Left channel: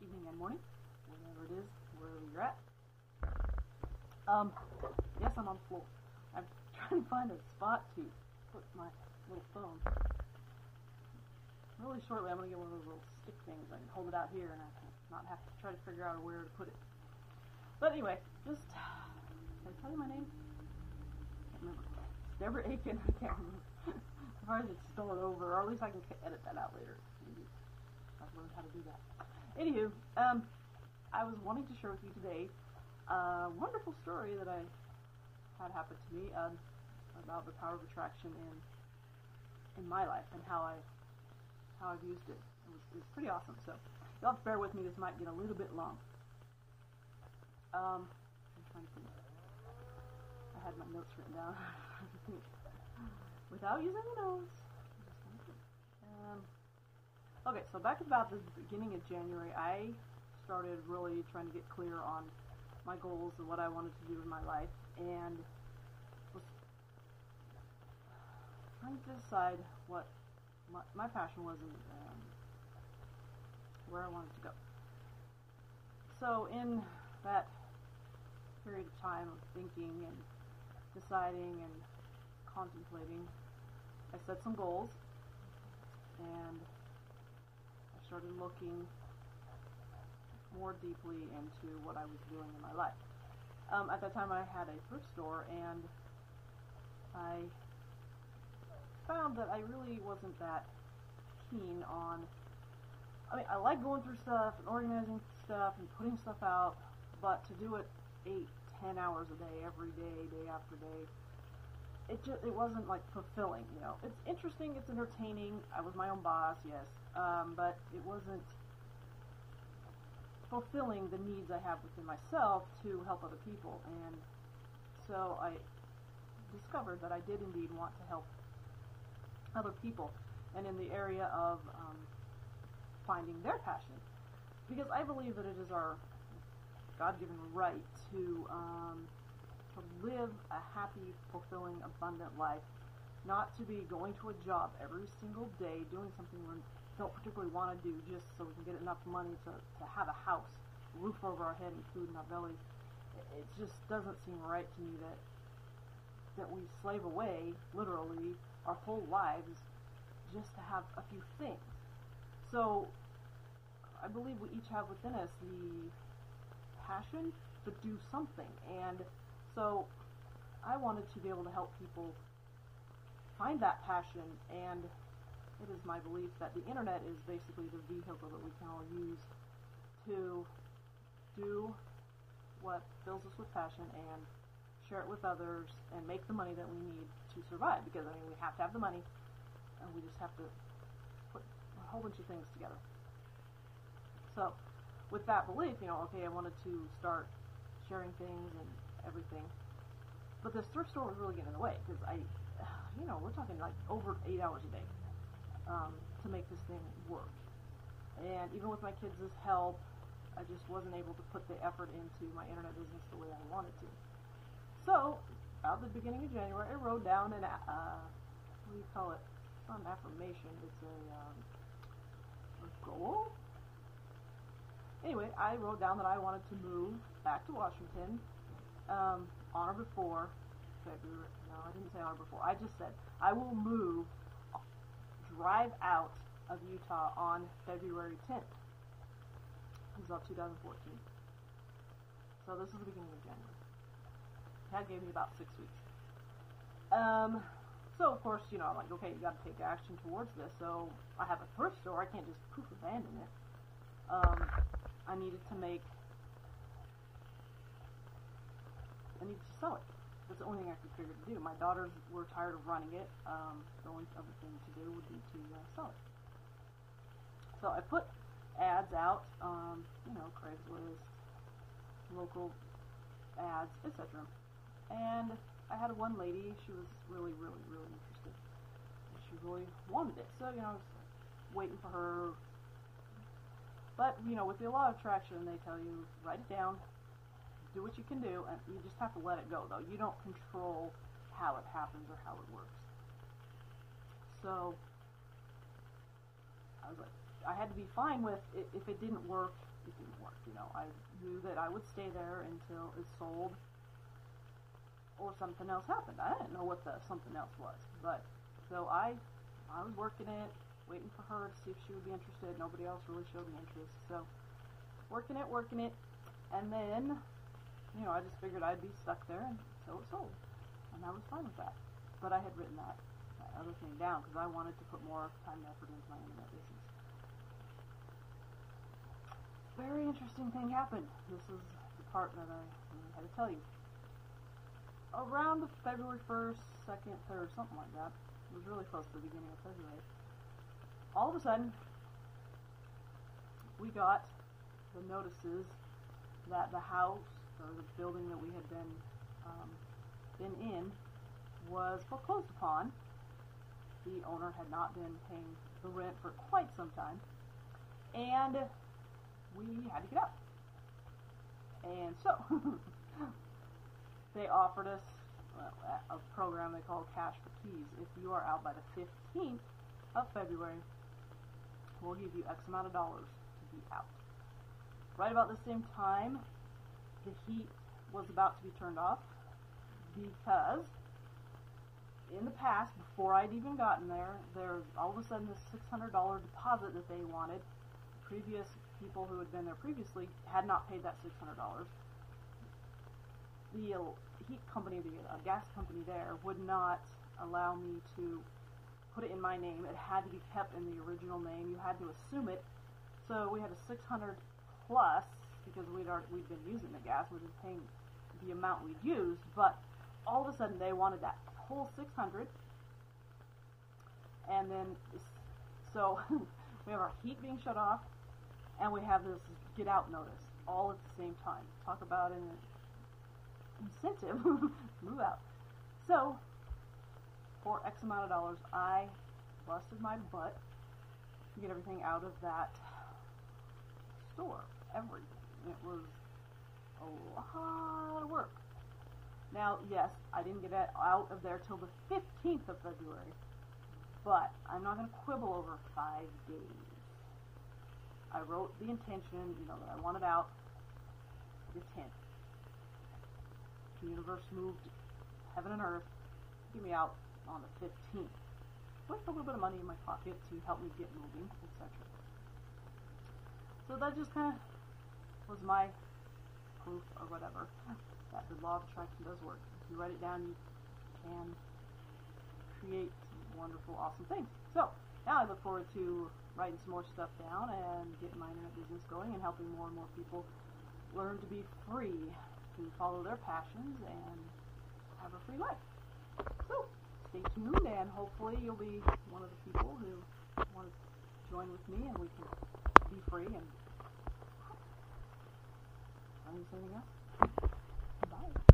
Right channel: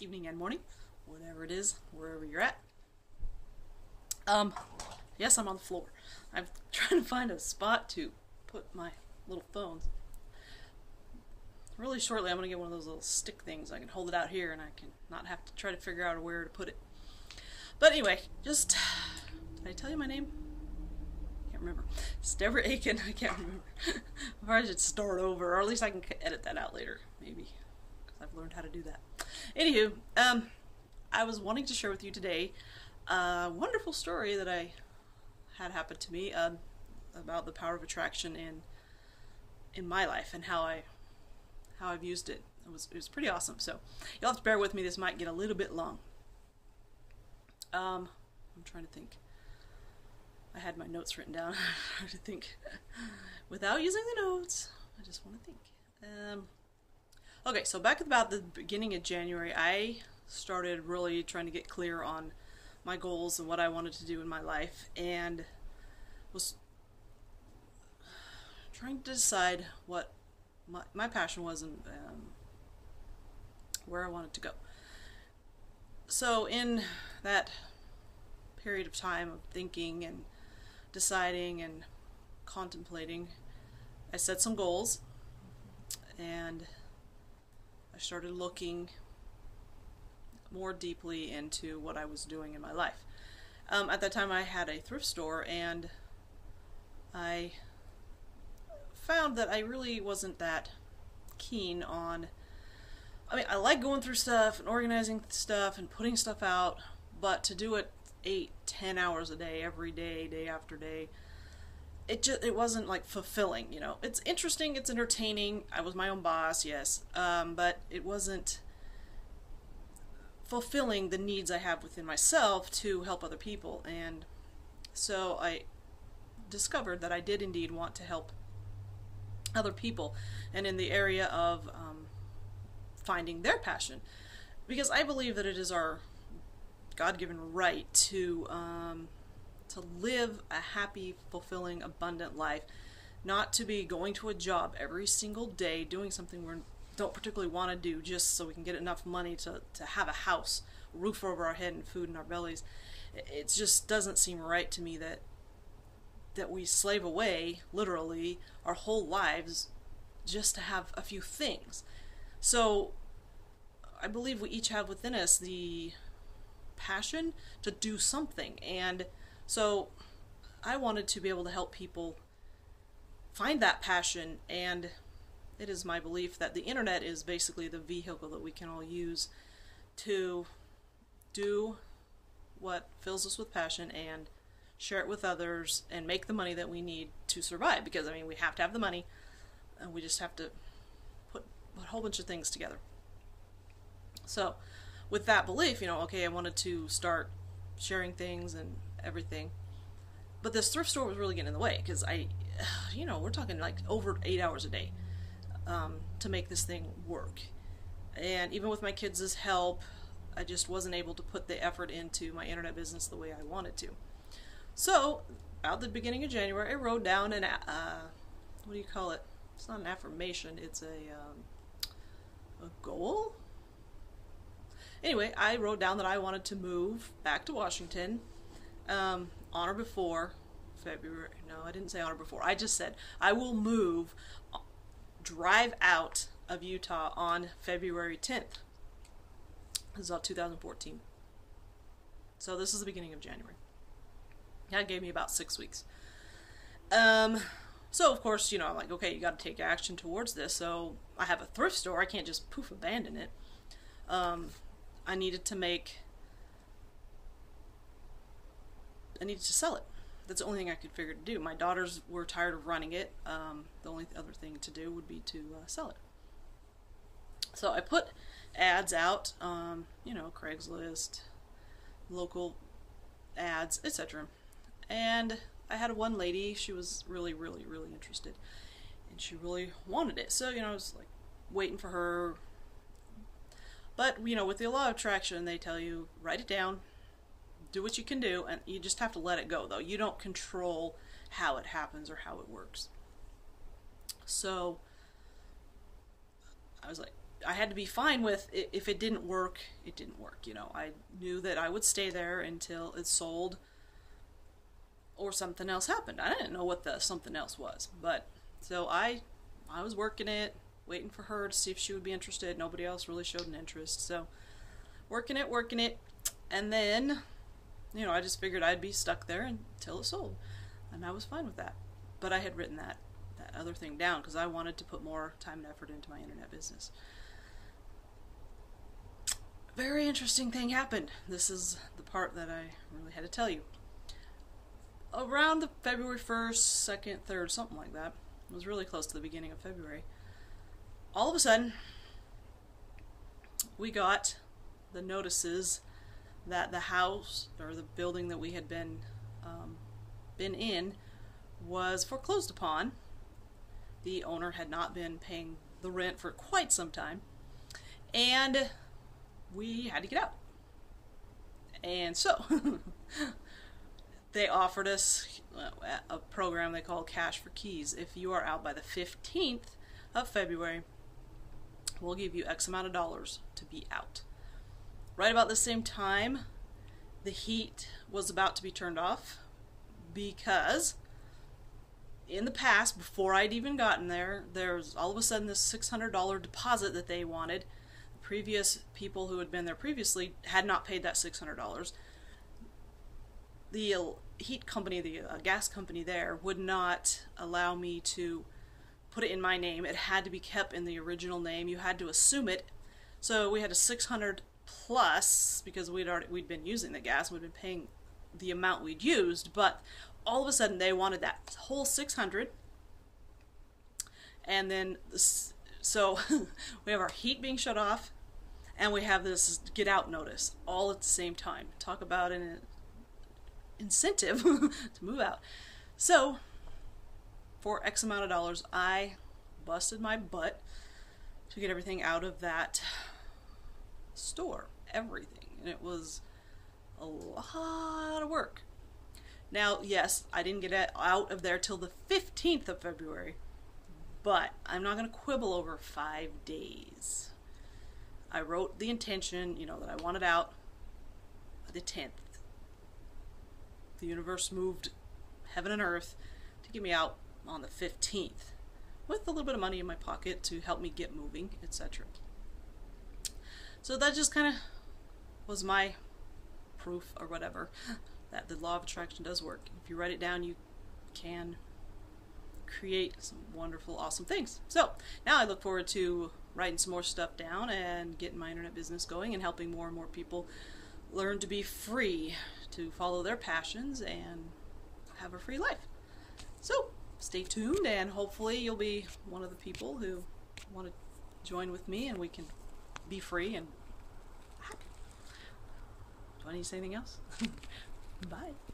evening and morning, whatever it is, wherever you're at. Yes, I'm on the floor. I'm trying to find a spot to put my little phones. Really shortly, I'm going to get one of those little stick things. I can hold it out here and I can not have to try to figure out where to put it. But anyway, just. Did I tell you my name? I can't remember. It's Deborah Aiken. I can't remember. I probably should start over, or at least I can edit that out later, maybe. Because I've learned how to do that. Anywho, I was wanting to share with you today a wonderful story that I had happen to me about the power of attraction in my life and how I've used it. It was pretty awesome. So you'll have to bear with me. This might get a little bit long. I'm trying to think. I had my notes written down. I'm trying to think without using the notes. I just want to think. Okay, so back at about the beginning of January, I started really trying to get clear on my goals and what I wanted to do in my life, and was trying to decide what my passion was and where I wanted to go. So in that period of time of thinking and deciding and contemplating, I set some goals and I started looking more deeply into what I was doing in my life. At that time, I had a thrift store, and I found that I really wasn't that keen on. I mean, I like going through stuff and organizing stuff and putting stuff out, but to do it 8, 10 hours a day, every day, day after day, it wasn't like fulfilling. It's interesting, it's entertaining. I was my own boss, yes, but it wasn't fulfilling the needs I have within myself to help other people. And so I discovered that I did indeed want to help other people, and in the area of finding their passion, because I believe that it is our God-given right to live a happy, fulfilling, abundant life, not to be going to a job every single day doing something we don't particularly want to do just so we can get enough money to have a house, a roof over our head, and food in our bellies. It just doesn't seem right to me that we slave away, literally, our whole lives just to have a few things. So I believe we each have within us the passion to do something, and so I wanted to be able to help people find that passion. And it is my belief that the internet is basically the vehicle that we can all use to do what fills us with passion and share it with others and make the money that we need to survive, because I mean, we have to have the money, and we just have to put a whole bunch of things together. So with that belief, okay, I wanted to start sharing things and everything, but this thrift store was really getting in the way, because we're talking like over 8 hours a day to make this thing work. And even with my kids' help, I just wasn't able to put the effort into my internet business the way I wanted to. So about the beginning of January, I wrote down what do you call it? It's not an affirmation, it's a goal. Anyway, I wrote down that I wanted to move back to Washington on or before February. No, I didn't say on or before. I just said I will drive out of Utah on February 10th. This is all 2014. So this is the beginning of January. That gave me about 6 weeks. So of course, I'm like, okay, you got to take action towards this. So I have a thrift store. I can't just poof abandon it. I needed to sell it. That's the only thing I could figure to do. My daughters were tired of running it. The only other thing to do would be to sell it. So I put ads out, Craigslist, local ads, etc. And I had one lady, she was really, really, really interested, and she really wanted it. So, I was like waiting for her. But, with the law of attraction, they tell you, write it down, do what you can do, and you just have to let it go, though. You don't control how it happens or how it works. So I was like, I had to be fine with it. If it didn't work, it didn't work. You know, I knew that I would stay there until it sold or something else happened. I didn't know what the something else was, but so I was working it, waiting for her to see if she would be interested. Nobody else really showed an interest, so working it, and then, you know, I just figured I'd be stuck there until it sold, and I was fine with that. But I had written that other thing down because I wanted to put more time and effort into my internet business. Very interesting thing happened. This is the part that I really had to tell you. Around the February 1st, 2nd, 3rd, something like that. It was really close to the beginning of February. All of a sudden, we got the notices that the house or the building that we had been in was foreclosed upon. The owner had not been paying the rent for quite some time, and we had to get out. And so they offered us a program they call Cash for Keys. If you are out by the 15th of February, we'll give you X amount of dollars to be out. Right about the same time, the heat was about to be turned off because in the past, before I'd even gotten there, there was all of a sudden this $600 deposit that they wanted. The previous people who had been there previously had not paid that $600. The heat company, the gas company there, would not allow me to put it in my name. It had to be kept in the original name. You had to assume it. So we had a $600 plus because we'd been using the gas. We'd been paying the amount we'd used, but all of a sudden they wanted that whole $600. And then so we have our heat being shut off, and we have this get out notice all at the same time. Talk about an incentive to move out. So for X amount of dollars, I busted my butt to get everything out of that store. Everything. And it was a lot of work. Now, yes, I didn't get it out of there till the 15th of February, but I'm not going to quibble over 5 days. I wrote the intention, you know, that I wanted out the 10th. The universe moved heaven and earth to get me out on the 15th with a little bit of money in my pocket to help me get moving, etc. So that just kind of was my proof or whatever that the law of attraction does work. If you write it down, you can create some wonderful, awesome things. So now I look forward to writing some more stuff down and getting my internet business going and helping more and more people learn to be free, to follow their passions and have a free life. So stay tuned, and hopefully you'll be one of the people who want to join with me and we can be free and happy. Do I need to say anything else? Bye.